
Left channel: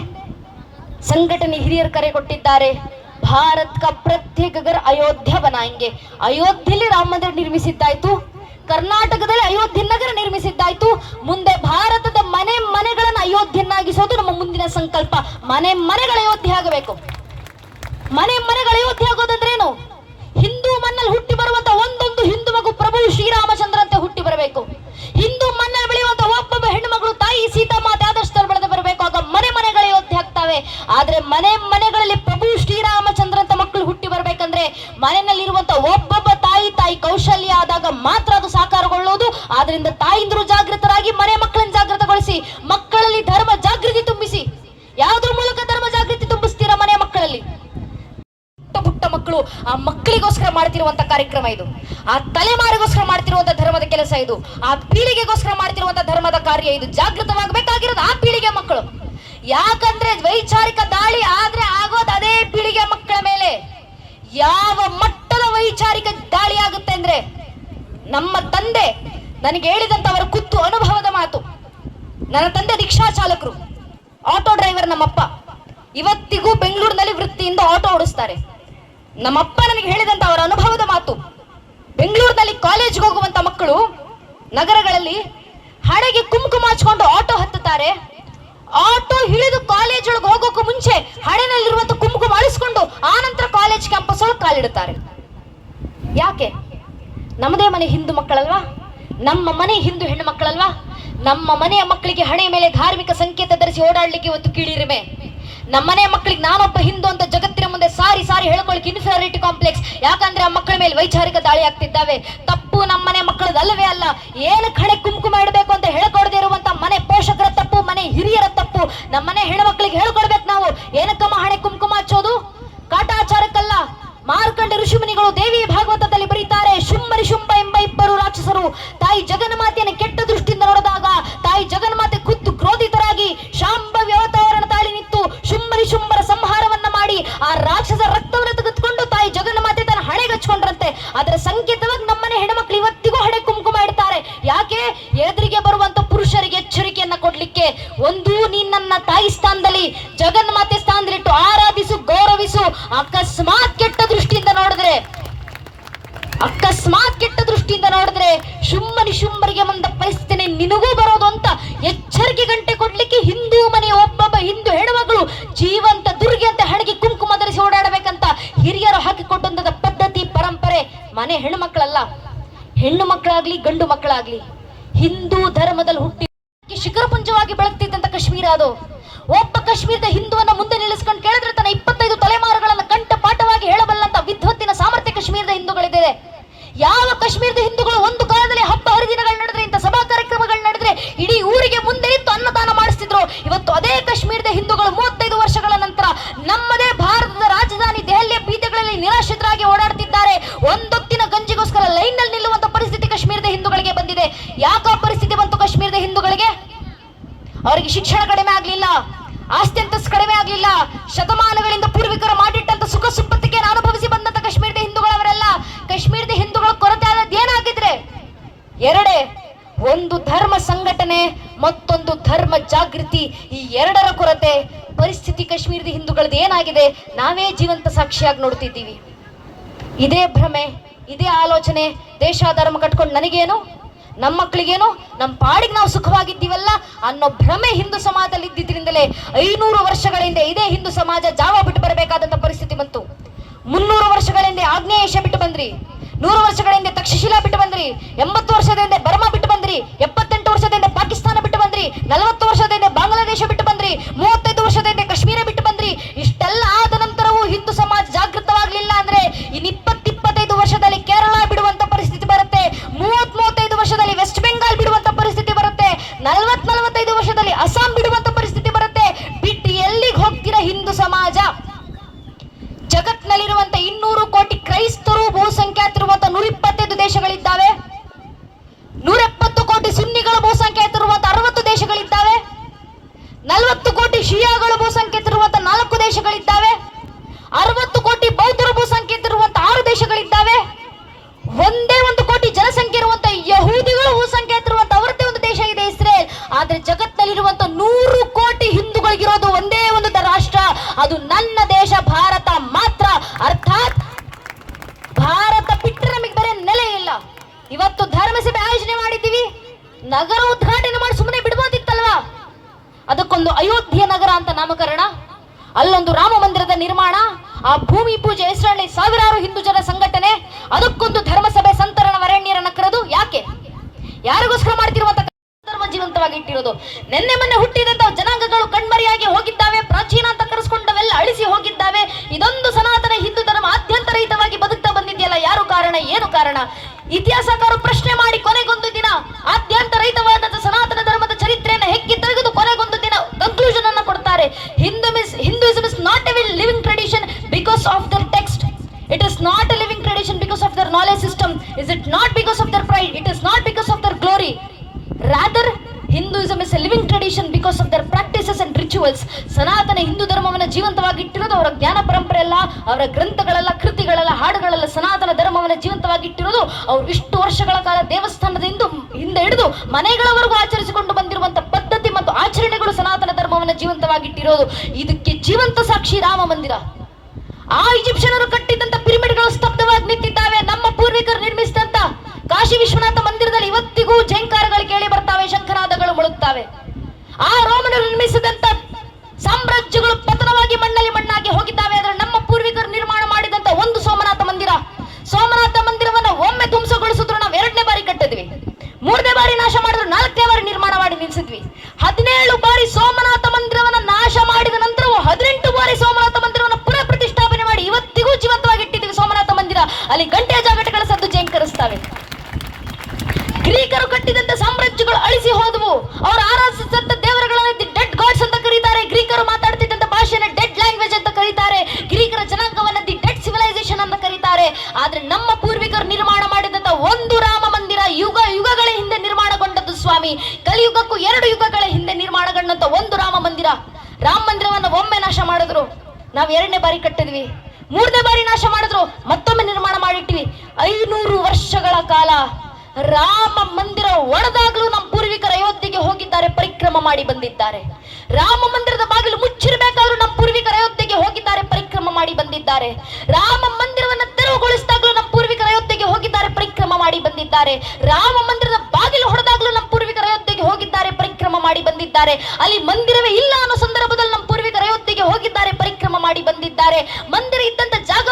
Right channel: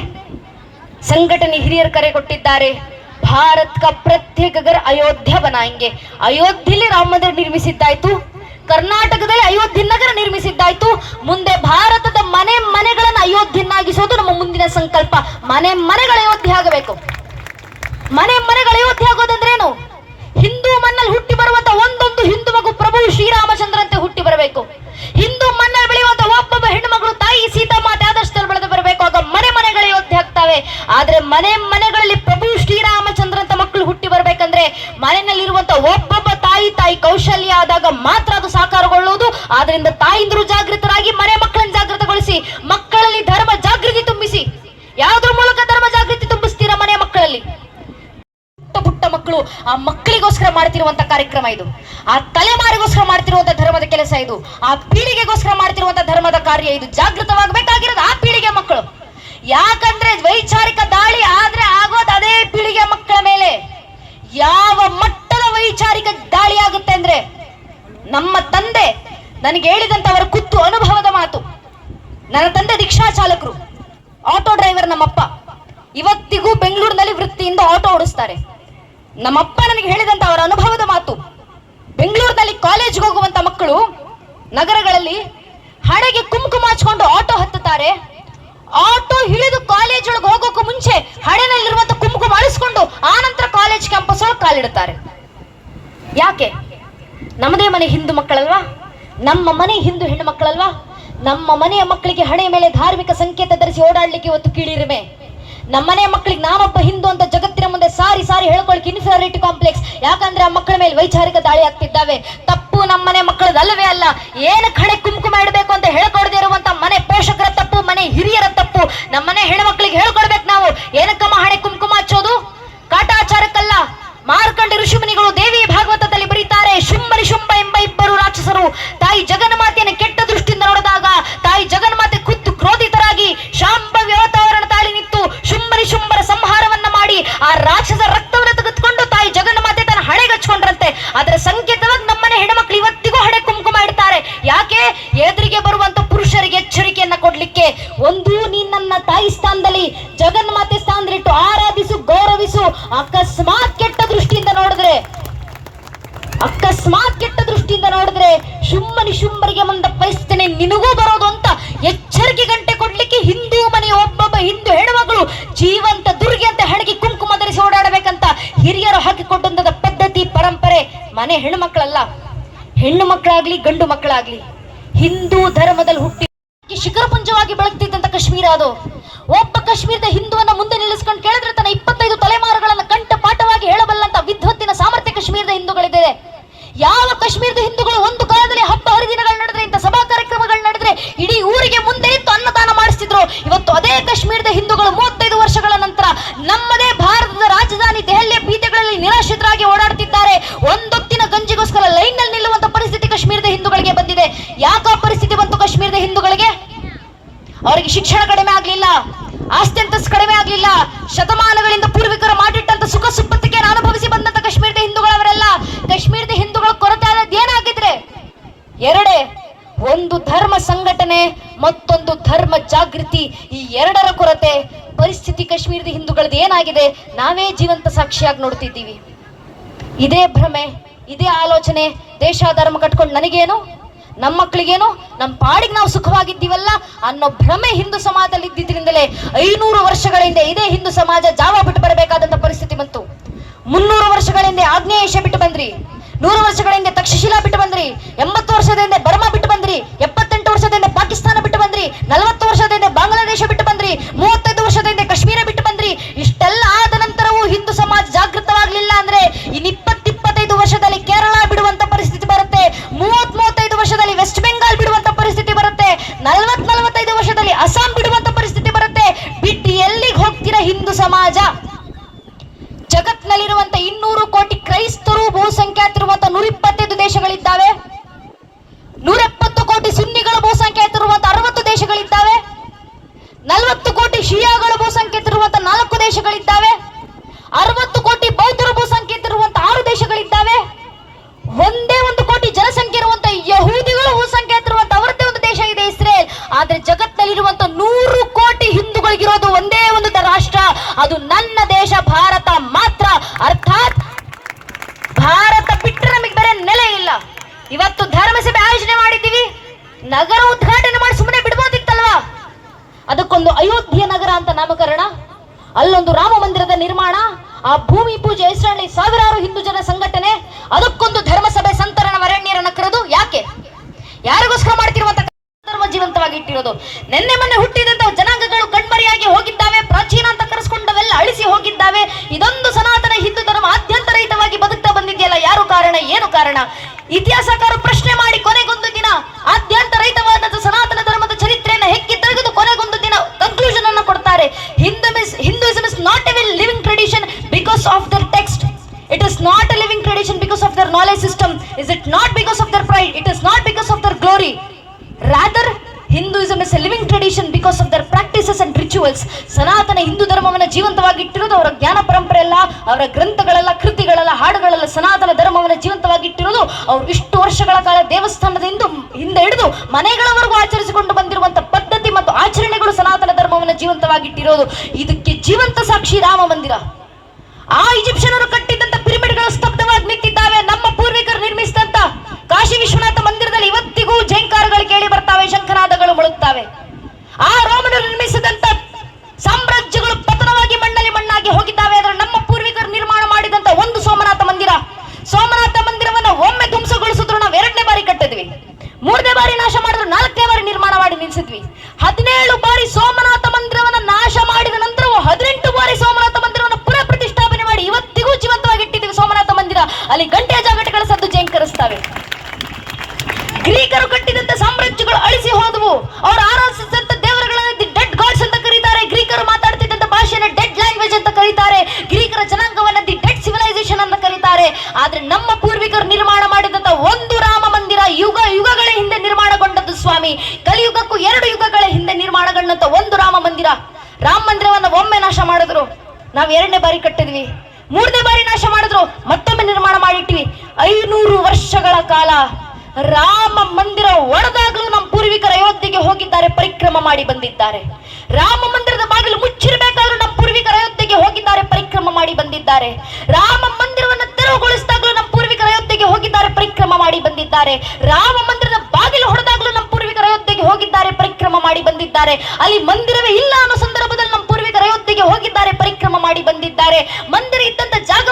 ಸಂಘಟನೆ ಹಿರಿಯರು ಕರೆ ಕೊಟ್ಟಿದ್ದಾರೆ, ಭಾರತ್ ಕಾ ಪ್ರತ್ಯೇಕ ಘರ್ ಅಯೋಧ್ಯ ಬನಾಯಂಗೆ. ಅಯೋಧ್ಯೆಯಲ್ಲಿ ರಾಮ ಮಂದಿರ ನಿರ್ಮಿಸಿದ್ದಾಯ್ತು, ಕರ್ನಾಟಕದಲ್ಲಿ ಅಯೋಧ್ಯ ನಗರ ನಿರ್ಮಿಸಿದ್ದಾಯ್ತು. ಮುಂದೆ ಭಾರತದ ಮನೆ ಮನೆಗಳನ್ನು ಅಯೋಧ್ಯೆಯನ್ನಾಗಿಸೋದು ನಮ್ಮ ಮುಂದಿನ ಸಂಕಲ್ಪ. ಮನೆಗಳ ಅಯೋಧ್ಯೆ ಆಗಬೇಕು. ಮನೆಗಳ ಅಯೋಧ್ಯೆ ಆಗೋದಂದ್ರೇನು? ಹಿಂದೂ ಮಣ್ಣಲ್ಲಿ ಹುಟ್ಟಿ ಬರುವಂತ ಒಂದೊಂದು ಹಿಂದೂ ಮಗು ಪ್ರಭು ಶ್ರೀರಾಮಚಂದ್ರಂತೆ ಹುಟ್ಟಿ ಬರಬೇಕು. ಹಿಂದೂ ಮಣ್ಣಲ್ಲಿ ಬೆಳೆಯುವಂತ ಒಬ್ಬೊಬ್ಬ ಹೆಣ್ಣು ಮಗಳು ತಾಯಿ ಸೀತಾಮಾತೆ ಆದರ್ಶದಲ್ಲಿ ಬೆಳೆದು ಬರಬೇಕು. ಆಗ ಮನೆಗಳ ಅಯೋಧ್ಯೆ ಆಗ್ತವೆ. ಆದ್ರೆ ಮನೆಗಳಲ್ಲಿ ಪ್ರಭು ಶ್ರೀರಾಮಚಂದ್ರಂತ ಮಕ್ಕಳು ಹುಟ್ಟಿ ಬರಬೇಕು. ಮನೆಯಲ್ಲಿರುವಂತ ಒಬ್ಬೊಬ್ಬ ತಾಯಿ ಕೌಶಲ್ಯ ಆದಾಗ ಮಾತ್ರ ಅದು ಸಾಕಾರಗೊಳ್ಳುವುದು. ಆದ್ರಿಂದ ತಾಯಿಂದರು ಜಾಗೃತರಾಗಿ ಮನೆ ಮಕ್ಕಳನ್ನು ಜಾಗೃತಗೊಳಿಸಿ, ಮಕ್ಕಳಲ್ಲಿ ಧರ್ಮ ಜಾಗೃತಿ ತುಂಬಿಸಿ. ಯಾವುದ್ರ ಮೂಲಕ ಧರ್ಮ ಜಾಗೃತಿ ತುಂಬಿಸ್ತೀರಾ? ಮನೆ ಮಕ್ಕಳಲ್ಲಿ. ಪುಟ್ಟ ಮಕ್ಕಳು, ಆ ಮಕ್ಕಳಿಗೋಸ್ಕರ ಮಾಡ್ತಿರುವಂತ ಕಾರ್ಯಕ್ರಮ ಇದು. ಆ ತಲೆಮಾರಿಗೋಸ್ಕರ ಮಾಡ್ತಿರುವಂತ ಧರ್ಮದ ಕೆಲಸ ಇದು. ಆ ಪೀಳಿಗೆಗೋಸ್ಕರ ಮಾಡ್ತಿರುವಂತ ಧರ್ಮದ ಕಾರ್ಯ ಇದು. ಜಾಗೃತವಾಗಬೇಕಾಗಿರೋದು ಆ ಪೀಳಿಗೆ ಮಕ್ಕಳು. ಯಾಕಂದ್ರೆ ವೈಚಾರಿಕ ದಾಳಿ ಆದ್ರೆ ಆಗೋದು ಅದೇ ಪೀಳಿಗೆ ಮಕ್ಕಳ ಮೇಲೆ. ಯಾವ ಮಟ್ಟದ ವೈಚಾರಿಕ ದಾಳಿ ಆಗುತ್ತೆ ಅಂದ್ರೆ, ನಮ್ಮ ತಂದೆ ನನಗೆ ಹೇಳಿದಂತ ಅವರ ಖುದ್ದು ಅನುಭವದ ಮಾತು. ನನ್ನ ತಂದೆ ರಿಕ್ಷಾ ಚಾಲಕರು, ಆಟೋ ಡ್ರೈವರ್. ನಮ್ಮಪ್ಪ ಇವತ್ತಿಗೂ ಬೆಂಗಳೂರಿನಲ್ಲಿ ವೃತ್ತಿಯಿಂದ ಆಟೋ ಓಡಿಸ್ತಾರೆ. ನಮ್ಮಪ್ಪ ನನಗೆ ಹೇಳಿದಂತ ಅವರ ಅನುಭವದ ಮಾತು. ಬೆಂಗಳೂರಿನಲ್ಲಿ ಕಾಲೇಜ್ಗೆ ಹೋಗುವಂತ ಮಕ್ಕಳು ನಗರಗಳಲ್ಲಿ ಹಣೆಗೆ ಕುಂಕುಮ ಹಚ್ಕೊಂಡು ಆಟೋ ಹತ್ತುತ್ತಾರೆ. ಆಟೋ ಹಿಡಿದು ಕಾಲೇಜ್ ಒಳಗೆ ಹೋಗೋಕ್ಕೂ ಮುಂಚೆ ಹಣೆನಲ್ಲಿರುವಂತ ಕುಂಕುಮ ಅಳಿಸ್ಕೊಂಡು ಆನಂತರ ಕಾಲೇಜ್ ಕ್ಯಾಂಪಸ್ ಒಳಗೆ ಕಾಲಿಡುತ್ತಾರೆ. ಯಾಕೆ? ನಮ್ಮದೇ ಮನೆ ಹಿಂದೂ ಮಕ್ಕಳಲ್ವಾ? ನಮ್ಮ ಮನೆ ಹಿಂದೂ ಹೆಣ್ಣು ಮಕ್ಕಳಲ್ವಾ? ನಮ್ಮ ಮನೆಯ ಮಕ್ಕಳಿಗೆ ಹಣೆ ಮೇಲೆ ಧಾರ್ಮಿಕ ಸಂಕೇತ ಧರಿಸಿ ಓಡಾಡ್ಲಿಕ್ಕೆ ಇವತ್ತು ಕೀಳಿರಿಮೆ. ನಮ್ಮನೆಯ ಮಕ್ಕಳಿಗೆ ನಾನೊಬ್ಬ ಹಿಂದೂ ಅಂತ ಜಗತ್ತಿನ ಮುಂದೆ ಸಾರಿ ಹೇಳ್ಕೊಳಕ್ಕೆ ಇನ್ಫೀರಿಯಾರಿಟಿ ಕಾಂಪ್ಲೆಕ್ಸ್. ಯಾಕಂದ್ರೆ ಆ ಮಕ್ಕಳ ಮೇಲೆ ವೈಚಾರಿಕ ದಾಳಿ ಆಗ್ತಿದ್ದಾವೆ. ತಪ್ಪು ನಮ್ಮನೆ ಮಕ್ಕಳದಲ್ಲವೇ ಅಲ್ಲ. ಏನಕ್ಕೆ ಹಣೆ ಕುಂಕುಮ ಇಡಬೇಕು ಅಂತ ಹೇಳ್ಕೊಡದೇ ಇರುವಂತ ಮನೆ ಪೋಷಕರ ತಪ್ಪು, ಮನೆ ಹಿರಿಯರ ತಪ್ಪು. ನಮ್ಮನೆ ಹೆಣ್ಮಕ್ಳಿಗೆ ಹೇಳ್ಕೊಡ್ಬೇಕು ನಾವು. ಏನಕ್ಕಮ್ಮ ಹಣೆ ಕುಂಕುಮ ಹಚ್ಚೋದು? ಕಾಟಾಚಾರಕ್ಕಲ್ಲ. ಮಾರ್ಕಂಡ ಋಷಿಮುನಿಗಳು ದೇವಿ ಭಾಗವತದಲ್ಲಿ ಬರೀತಾರೆ, ಶುಂಭರಿ ಶುಂಭ ಎಂಬ ಇಬ್ಬರು ರಾಕ್ಷಸರು ತಾಯಿ ಜಗನ್ಮಾತೆಯನ್ನು ಕೆಟ್ಟ ದೃಷ್ಟಿಯಿಂದ ನೋಡಿದಾಗ ತಾಯಿ ಜಗನ್ಮಾತೆ ಖುದ್ದು ಕ್ರೋಧಿತರಾಗಿ ಶಾಂಭವಿ ಅವತಾರಣ ತಾಳಿ ನಿಂತು ಶುಂಭರ ಸಂಹಾರವನ್ನ ಮಾಡಿ ಆ ರಾಕ್ಷಸ ರಕ್ತವನ್ನು ತೆಗೆದುಕೊಂಡು ತಾಯಿ ಜಗನ್ಮಾತೆ ತನ್ನ ಹಣೆಗಚ್ಕೊಂಡ್ರಂತೆ. ಅದರ ಸಂಕೇತವಾಗಿ ನಮ್ಮನೆ ಹೆಣ್ಮಕ್ಳು ಇವತ್ತಿಗೂ ಹಣೆ ಕುಂಕುಮ ಇಡ್ತಾರೆ. ಯಾಕೆ? ಎದುರಿಗೆ ಬರುವಂತ ಪುರುಷರಿಗೆ ಎಚ್ಚರಿಕೆಯನ್ನ ಕೊಡ್ಲಿಕ್ಕೆ. ಒಂದು, ನಿನ್ನ ತಾಯಿ ಸ್ಥಾನದಲ್ಲಿ ಜಗನ್ಮಾತೆ ಸ್ಥಾನದಲ್ಲಿ ಇಟ್ಟು ಆರಾಧಿಸು, ಗೌರವಿಸು. ಅಕಸ್ಮಾತ್ ಕೆಟ್ಟ ದೃಷ್ಟಿಯಿಂದ ನೋಡಿದ್ರೆ ಶುಂಭರಿಗೆ ಬಂದ ಪರಿಸ್ಥಿತಿ ನಿನಗೂ ಬರೋದು ಅಂತ ಎಚ್ಚರಿಕೆ ಗಂಟೆ ಕೊಡ್ಲಿಕ್ಕೆ ಹಿಂದೂ ಮನೆಯ ಒಬ್ಬೊಬ್ಬ ಹಿಂದೂ ಹೆಣ್ಮಗಳು ಜೀವಂತ ದುರ್ಗೆ ಅಂತ ಹೆಣಗಿ ಕುಂಕುಮ ಧರಿಸಿ ಓಡಾಡಬೇಕಂತ ಹಿರಿಯರು ಹಾಕಿಕೊಂಡ ಪದ್ಧತಿ ಪರಂಪರೆ. ಮನೆ ಹೆಣ್ಣು ಮಕ್ಕಳಾಗ್ಲಿ ಗಂಡು ಮಕ್ಕಳಾಗ್ಲಿ ಹಿಂದೂ ಧರ್ಮದಲ್ಲಿ ಹುಟ್ಟಿ ಶಿಖರಪುಂಜವಾಗಿ ಬೆಳಗ್ತಿದ್ದಂತ ಕಾಶ್ಮೀರ ಅದು. ಒಬ್ಬ ಕಾಶ್ಮೀರದ ಹಿಂದುವನ್ನ ಮುಂದೆ ನಿಲ್ಲಿಸ್ಕೊಂಡು ಕೇಳಿದ್ರೆ ತನ್ನ 25 ತಲೆಮಾರುಗಳನ್ನ ಕಂಠ ಪಾಠವಾಗಿ ಹೇಳಬಲ್ಲಂತ ವಿದ್ವತ್ತಿನ ಸಾಮರ್ಥ್ಯ ಕಾಶ್ಮೀರದ ಹಿಂದೂಗಳಿದೆ. ಯಾವ ಕಾಶ್ಮೀರದ ಹಿಂದೂಗಳು ಒಂದು ಕಾಲದಲ್ಲಿ ಹಬ್ಬ ಹರಿದಿನಗಳು ನಡೆದ್ರೆ, ಇಂಥ ಸಭಾ ಕಾರ್ಯಕ್ರಮಗಳು ನಡೆದ್ರೆ ಇಡೀ ಊರಿಗೆ ಮುಂದೆ ಇತ್ತು ಅನ್ನದಾನ ಮಾಡಿಸ್ತಿದ್ರು. ಇವತ್ತು ಅದೇ ಕಾಶ್ಮೀರದ ಹಿಂದೂಗಳು 35 ವರ್ಷಗಳ ನಂತರ ನಮ್ಮದೇ ಭಾರತದ ರಾಜಧಾನಿ ದೆಹಲಿಯ ಬೀದಿಗಳಲ್ಲಿ ನಿರಾಶ್ರಿತರಾಗಿ ಓಡಾಡ್ತಿದ್ದಾರೆ. ಒಂದೊತ್ತಿನ ಗಂಜಿಗೋಸ್ಕರ ಲೈನ್ ನಲ್ಲಿ ನಿಲ್ಲುವಂತ ಪರಿಸ್ಥಿತಿ ಕಾಶ್ಮೀರದ ಹಿಂದೂಗಳಿಗೆ ಬಂದಿದೆ. ಯಾಕ ಪರಿಸ್ಥಿತಿ ಬಂತು ಕಾಶ್ಮೀರದ ಹಿಂದೂಗಳಿಗೆ? ಅವರಿಗೆ ಶಿಕ್ಷಣ ಕಡಿಮೆ ಆಗ್ಲಿಲ್ಲ, ಆಸ್ತಿ ಅಂತಸ್ತು ಕಡಿಮೆ ಆಗ್ಲಿಲ್ಲ, ಶತಮಾನಗಳಿಂದ ಪೂರ್ವಿಕರು ಮಾಡಿಟ್ಟಂತ ಸುಖ ಸುಪ್ಪತ್ತಿಗೆಯನ್ನು ಅನುಭವಿಸಿ ಬಂದಂತ ಕಾಶ್ಮೀರದ ಹಿಂದೂಗಳವರೆಲ್ಲ. ಕಾಶ್ಮೀರದ ಹಿಂದೂಗಳ ಕೊರತೆ ಆದದ್ದು ಏನಾಗಿದ್ರೆ ಎರಡೇ, ಒಂದು ಧರ್ಮ ಸಂಘಟನೆ, ಮತ್ತೊಂದು ಧರ್ಮ ಜಾಗೃತಿ. ಈ ಎರಡರ ಕೊರತೆ. ಪರಿಸ್ಥಿತಿ ಕಾಶ್ಮೀರದ ಹಿಂದೂಗಳದ್ದು ಏನಾಗಿದೆ ನಾವೇ ಜೀವಂತ ಸಾಕ್ಷಿಯಾಗಿ ನೋಡ್ತಿದ್ದೀವಿ. ಇದೇ ಭ್ರಮೆ, ಇದೇ ಆಲೋಚನೆ, ದೇಶ ಧರ್ಮ ಕಟ್ಕೊಂಡು ನನಗೇನು, ನಮ್ಮ ಮಕ್ಕಳಿಗೇನು, ನಮ್ಮ ಪಾಡಿಗೆ ನಾವು ಸುಖವಾಗಿದ್ದೀವಲ್ಲ ಅನ್ನೋ ಭ್ರಮೆ ಹಿಂದೂ ಸಮಾಜದಲ್ಲಿ ಇದ್ದಿದ್ರಿಂದಲೇ 500 ವರ್ಷಗಳಿಂದ ಇದೇ ಹಿಂದೂ ಸಮಾಜ ಜಾವ ಬಿಟ್ಟು ಬರಬೇಕಾದಂತ ಪರಿಸ್ಥಿತಿ ಬಂತು. 300 ವರ್ಷಗಳಿಂದ ಆಗ್ನೇಯ ಏಷ್ಯಾ ಬಿಟ್ಟು ಬಂದ್ರಿ, 100 ವರ್ಷಗಳಿಂದ ತಕ್ಷಶಿಲಾ ಬಿಟ್ಟು ಬಂದ್ರಿ, 80 ವರ್ಷದಿಂದ ಬರ್ಮಾ ಬಿಟ್ಟು ಬಂದ್ರಿ, 78 ವರ್ಷದಿಂದ ಪಾಕಿಸ್ತಾನ ಬಿಟ್ಟು ಬಂದ್ರಿ, 40 ವರ್ಷದಿಂದ ಬಾಂಗ್ಲಾದೇಶ ಬಿಟ್ಟು ಬಂದ್ರಿ, 35 ವರ್ಷದಿಂದ ಕಾಶ್ಮೀರ ಬಿಟ್ಟು ಬಂದ್ರಿ. ಇಷ್ಟೆಲ್ಲ ಆದ ನಂತರವೂ ಹಿಂದೂ ಸಮಾಜ ಜಾಗೃತವಾಗ್ಲಿಲ್ಲ ಅಂದ್ರೆ ಇನ್ನು 20-25 ವರ್ಷದಲ್ಲಿ ಕೇರಳ ಬಿಡುವಂತ ಪರಿಸ್ಥಿತಿ ಬರುತ್ತೆ, 30-35 ವರ್ಷದಲ್ಲಿ ವೆಸ್ಟ್ ಬೆಂಗಾಲ್ ಬಿಡುವಂತ ಪರಿಸ್ಥಿತಿ ಬರುತ್ತೆ, 40-45 ವರ್ಷದಲ್ಲಿ ಅಸ್ಸಾಂ ಬಿಡುವಂತ ಪರಿಸ್ಥಿತಿ ಬರುತ್ತೆ. ಬಿಟ್ಟು ಎಲ್ಲಿಗೆ ಹೋಗ್ತೀರಾ ಹಿಂದೂ ಸಮಾಜ? ಜಗತ್ತಿನಲ್ಲಿರುವಂತ 200 ಕೋಟಿ ಕ್ರೈಸ್ತರು ಬಹುಸಂಖ್ಯಾತರಿರುವಂತ 125 ದೇಶಗಳಿದ್ದಾವೆ. 170 ಕೋಟಿ ಸುನ್ನಿಗಳು ಬಹುಸಂಖ್ಯಾತರಿರುವಂತ 60 ದೇಶಗಳಿದ್ದಾವೆ. 40 ಕೋಟಿ ಶಿಯಾಗಳು ಬಹುಸಂಖ್ಯಾತರಿರುವಂತ 4 ದೇಶಗಳಿದ್ದಾವೆ. 60 ಕೋಟಿ ಬೌದ್ಧರು ಬಹುಸಂಖ್ಯಾತರಿರುವಂತ 6 ದೇಶಗಳಿದ್ದಾವೆ. ಒಂದೇ 1 ಕೋಟಿ ಜನಸಂಖ್ಯೆ ಇರುವಂತ ಯಹೂದಿಗಳು ಬಹುಸಂಖ್ಯಾತರಿರುವಂತ ಅವರದೇ ಒಂದು ದೇಶ ಇದೆ, ಇಸ್ರೇಲ್. ಆದ್ರೆ ಜಗತ್ತಿನಲ್ಲಿರುವಂತ 100 ಕೋಟಿ ಹಿಂದೂಗಳಿಗಿರೋದು ಒಂದೇ ಒಂದು ರಾಷ್ಟ್ರ, ಅದು ನನ್ನ ದೇಶ ಭಾರತ ಮಾತ್ರ. ಅರ್ಥಾತ್ ಭಾರತ ಬಿಟ್ಟರೆ ನಮಗೆ ಬೇರೆ ನೆಲೆ ಇಲ್ಲ. ಇವತ್ತು ಧರ್ಮಸಭೆ ಆಯೋಜನೆ ಮಾಡಿದ್ದೀವಿ, ನಗರ ಉದ್ಘಾಟನೆ ಮಾಡಿ ಸುಮ್ಮನೆ ಬಿಡ್ಬೋದಿತ್ತಲ್ವಾ? ಅದಕ್ಕೊಂದು ಅಯೋಧ್ಯೆ ನಗರ ಅಂತ ನಾಮಕರಣ, ಅಲ್ಲೊಂದು ರಾಮ ಮಂದಿರದ ನಿರ್ಮಾಣ, ಆ ಭೂಮಿ ಪೂಜೆ ಹೆಸರಲ್ಲಿ ಸಾವಿರಾರು ಹಿಂದೂ ಜನ ಸಂಘಟನೆ, ಅದಕ್ಕೊಂದು ಧರ್ಮಸಭೆ ಸಂತರಣ ವರಣ್ಯರನ್ನ ಕರೆದು ಯಾಕೆ? ಯಾರಿಗೋಸ್ಕರ ಮಾಡ್ತಿರುವಂತ ಧರ್ಮ ಜೀವಂತವಾಗಿ ಇಟ್ಟಿರೋದು. ನಿನ್ನೆ ಮೊನ್ನೆ ಹುಟ್ಟಿದಂತ ಜನಾಂಗಗಳು ಕಣ್ಮರೆಯಾಗಿ ಹೋಗಿದ್ದಾವೆ, ಪ್ರಾಚೀನ ಅಂತ ಕರೆಸ್ಕೊಂಡವೆಲ್ಲ ಅಳಿಸಿ ಹೋಗಿದ್ದಾವೆ. ಇದೊಂದು ಸನಾತನ ಹಿಂದೂ ಧರ್ಮ ಆದ್ಯಂತ ರಹಿತವಾಗಿ ಬದುಕ್ತಾ ಇತಿಹಾಸಕಾರರು ಪ್ರಶ್ನೆ ಮಾಡಿ ಕೊನೆಗೊಂದು ದಿನ ಆದ್ಯಂತ ರಹಿತವಾದ ಸನಾತನ ಧರ್ಮದ ಚರಿತ್ರೆಯನ್ನು ಹೆಕ್ಕಿ ತೆಗೆದು ಕೊನೆಗೊಂದು ದಿನ ಕನ್ಕ್ಲೂಷನ್ ಅನ್ನು ಕೊಡ್ತಾರೆ. Hinduism is not A living tradition because of there text. It is not a living tradition because of their knowledge system. Is it not because of their pride? It is not because of their glory. Rather, Hinduism is a living tradition because of their practices and rituals. ಸನಾತನ ಹಿಂದೂ ಧರ್ಮವನ್ನು ಜೀವಂತವಾಗಿ ಇಟ್ಟಿರೋದು ಅವರ ಜ್ಞಾನ ಪರಂಪರೆ ಅಲ್ಲ, ಅವರ ಗ್ರಂಥಗಳೆಲ್ಲ, ಕೃತಿಗಳೆಲ್ಲ, ಹಾಡುಗಳೆಲ್ಲ. ಸನಾತನ ಧರ್ಮವನ್ನು ಜೀವಂತವಾಗಿ ಇಟ್ಟಿರೋದು ಅವರು ಇಷ್ಟು ವರ್ಷಗಳ ಕಾಲ ದೇವಸ್ಥಾನದ ಹಿಂದೆ ಹಿಡಿದು ಮನೆಗಳವರೆಗೂ ಆಚರಿಸಿಕೊಂಡು ಬಂದಿರುವಂತಹ ಪದ್ಧತಿ ಮತ್ತು ಆಚರಣೆಗಳು ಸನಾತನ ಧರ್ಮವನ್ನು ಜೀವಂತವಾಗಿ ಇಟ್ಟಿರೋದು. ಇದಕ್ಕೆ ಜೀವಂತ ಸಾಕ್ಷಿ ರಾಮ ಮಂದಿರ. ಆ ಈಜಿಪ್ಷಿಯನರು ಕಟ್ಟಿದಂತ ಪಿರಮಿಡ್ಗಳು ಸ್ತಬ್ಧವಾಗಿ ನಿಂತಿದ್ದಾವೆ. ನಮ್ಮ ಪೂರ್ವಿಕರು ನಿರ್ಮಿಸಿದಂತ ಕಾಶಿ ವಿಶ್ವನಾಥ ಮಂದಿರದಲ್ಲಿ ಇವತ್ತಿಗೂ ಜೈಂಕಾರಗಳು ಕೇಳಿ ಬರ್ತಾವೆ, ಶಂಖನಾದಗಳು ಮುಳುಗ್ತಾವೆ. ಆ ರೋಮನರು ನಿರ್ಮಿಸಿದಂತ ಸಾಮ್ರಾಜ್ಯಗಳು ಪತನವಾಗಿ ಮಣ್ಣಲ್ಲಿ ಮಣ್ಣಾಗಿ ಹೋಗಿದ್ದಾವೆ. ಆದರೆ ನಮ್ಮ ಪೂರ್ವಿಕರು ನಿರ್ಮಾಣ ಮಾಡಿದಂತ ಒಂದು ಸೋಮನಾಥ ಮಂದಿರವನ್ನ ಒಮ್ಮೆ ಧ್ವಂಸಗೊಳಿಸಿದ್ರು ನಾವು 2ನೇ ಬಾರಿ ಕಟ್ಟಿದ್ವಿ, 3ನೇ ಬಾರಿ ನಾಶ ಮಾಡಿದ್ರು, 4ನೇ ಬಾರಿ ನಿರ್ಮಾಣ ಮಾಡಿ ನಿಲ್ಲಿಸಿದ್ವಿ. 17 ಬಾರಿ ಸೋಮನಾಥ ಮಂದಿರವನ್ನ ನಾಶ ಮಾಡಿದ ನಂತರವೂ 18 ಬಾರಿ ಸೋಮನಾಥ ಮಂದಿರವನ್ನು ಪುನಃ ಪ್ರತಿಷ್ಠಾಪನೆ ಮಾಡಿ ಇವತ್ತಿಗೂ ಜೀವಂತವಾಗಿ ಇಟ್ಟಿದ್ದೀವಿ. ಸೋಮನಾಥ ಮಂದಿರ ಅಲ್ಲಿ ಗಂಟೆಯ ಜಾಗಟೆಗಳ ಸದ್ದು ಜೈಂಕರಿಸ್ತವೆ. ಗ್ರೀಕರು ಕಟ್ಟಿದಂತ ಸಾಮ್ರಾಜ್ಯಗಳು ಅಳಿಸಿ ಹೋದವು. ಅವರು ಆರಾಧಿಸಿದಂತ ದೇವರುಗಳನ್ನ ಡೆಡ್ ಗಾಡ್ಸ್ ಅಂತ ಕರೀತಾರೆ. ಗ್ರೀಕರು ಮಾತಾಡ್ತಿದ್ದಂತ ಭಾಷೆನ ಡೆಡ್ ಲ್ಯಾಂಗ್ವೇಜ್ ಅಂತ ಕರೀತಾರೆ. ಗ್ರೀಕರ ಜನಾಂಗವನ್ನ ದಿ ಡೆಡ್ ಸಿವಿಲೈಸೇಷನ್ ಅಂತ ಕರೀತಾರೆ. ಆದ್ರೆ ನಮ್ಮ ಪೂರ್ವಿಕರು ನಿರ್ಮಾಣ ಮಾಡಿದಂತ ಒಂದು ರಾಮ ಮಂದಿರ ಯುಗಗಳ ಹಿಂದೆ ನಿರ್ಮಾಣಗೊಂಡದ್ದು ಸ್ವಾಮಿ. ಕಲಿಯುಗಕ್ಕೂ 2 ಯುಗಗಳ ಹಿಂದೆ ನಿರ್ಮಾಣಗೊಂಡಂತ ಒಂದು ರಾಮ ಮಂದಿರವನ್ನ ಒಮ್ಮೆ ನಾಶ ಮಾಡಿದ್ರು, ನಾವು 2ನೇ ಬಾರಿ ಕಟ್ಟಿದ್ವಿ. 3ನೇ ಬಾರಿ ನಾಶ ಮಾಡಿದ್ರು, ಮತ್ತೊಮ್ಮೆ ನಿರ್ಮಾಣ ಮಾಡಿಟ್ಟಿವಿ. 500 ವರ್ಷಗಳ ಕಾಲ ರಾಮ ಮಂದಿರ ಒಡೆದಾಗಲೂ ನಮ್ಮ ಪೂರ್ವಿಕರ ಅಯೋಧ್ಯೆಗೆ ಹೋಗಿದ್ದಾರೆ, ಪರಿಕ್ರಮ ಮಾಡಿ ಬಂದಿದ್ದಾರೆ. ರಾಮ ಮಂದಿರದ ಬಾಗಿಲು ಮುಚ್ಚಿರಬೇಕಾದ್ರೂ ನಮ್ಮ ಪೂರ್ವಿಕರ ಅಯೋಧ್ಯೆಗೆ ಹೋಗಿದ್ದಾರೆ, ಪರಿಕ್ರಮ ಮಾಡಿ ಬಂದಿದ್ದಾರೆ. ರಾಮ ಮಂದಿರವನ್ನು ತೆರವುಗೊಳಿಸಿದಾಗಲೂ ನಮ್ಮ ಪೂರ್ವಿಕರ ಅಯೋಧ್ಯೆಗೆ ಹೋಗಿದ್ದಾರೆ, ಪರಿಕ್ರಮ ಮಾಡಿ ಬಂದಿದ್ದಾರೆ. ರಾಮ ಮಂದಿರದ ಬಾಗಿಲು ಹೊಡೆದಾಗಲೂ ನಮ್ಮ ಪೂರ್ವಿಕರ ಅಯೋಧ್ಯೆಗೆ ಹೋಗಿದ್ದಾರೆ, ಪರಿಕ್ರಮ ಮಾಡಿ ಬಂದಿದ್ದಾರೆ. ಅಲ್ಲಿ ಮಂದಿರವೇ ಇಲ್ಲ ಅನ್ನೋ ಸಂದರ್ಭದಲ್ಲಿ ನಮ್ಮ ಪೂರ್ವಿಕರ ಅಯೋಧ್ಯೆಗೆ ಹೋಗಿದ್ದಾರೆ, ಪರಿಕ್ರಮ ಮಾಡಿ ಬಂದಿದ್ದಾರೆ. ಮಂದಿರ ಇದ್ದಂತ ಜಾಗ